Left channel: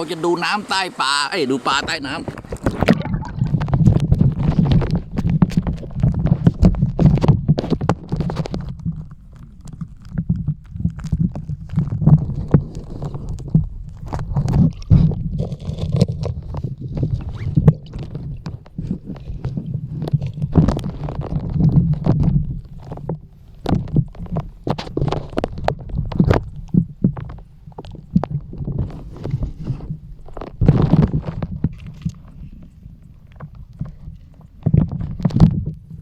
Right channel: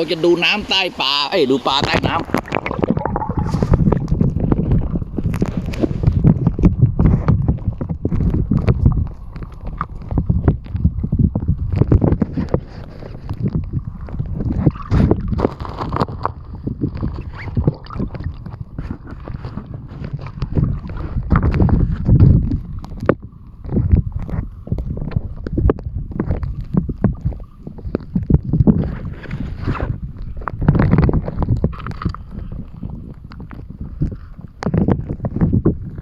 เราจะดูน้ำใต้ปลาเอ้ยดูปลาใต้น้ำ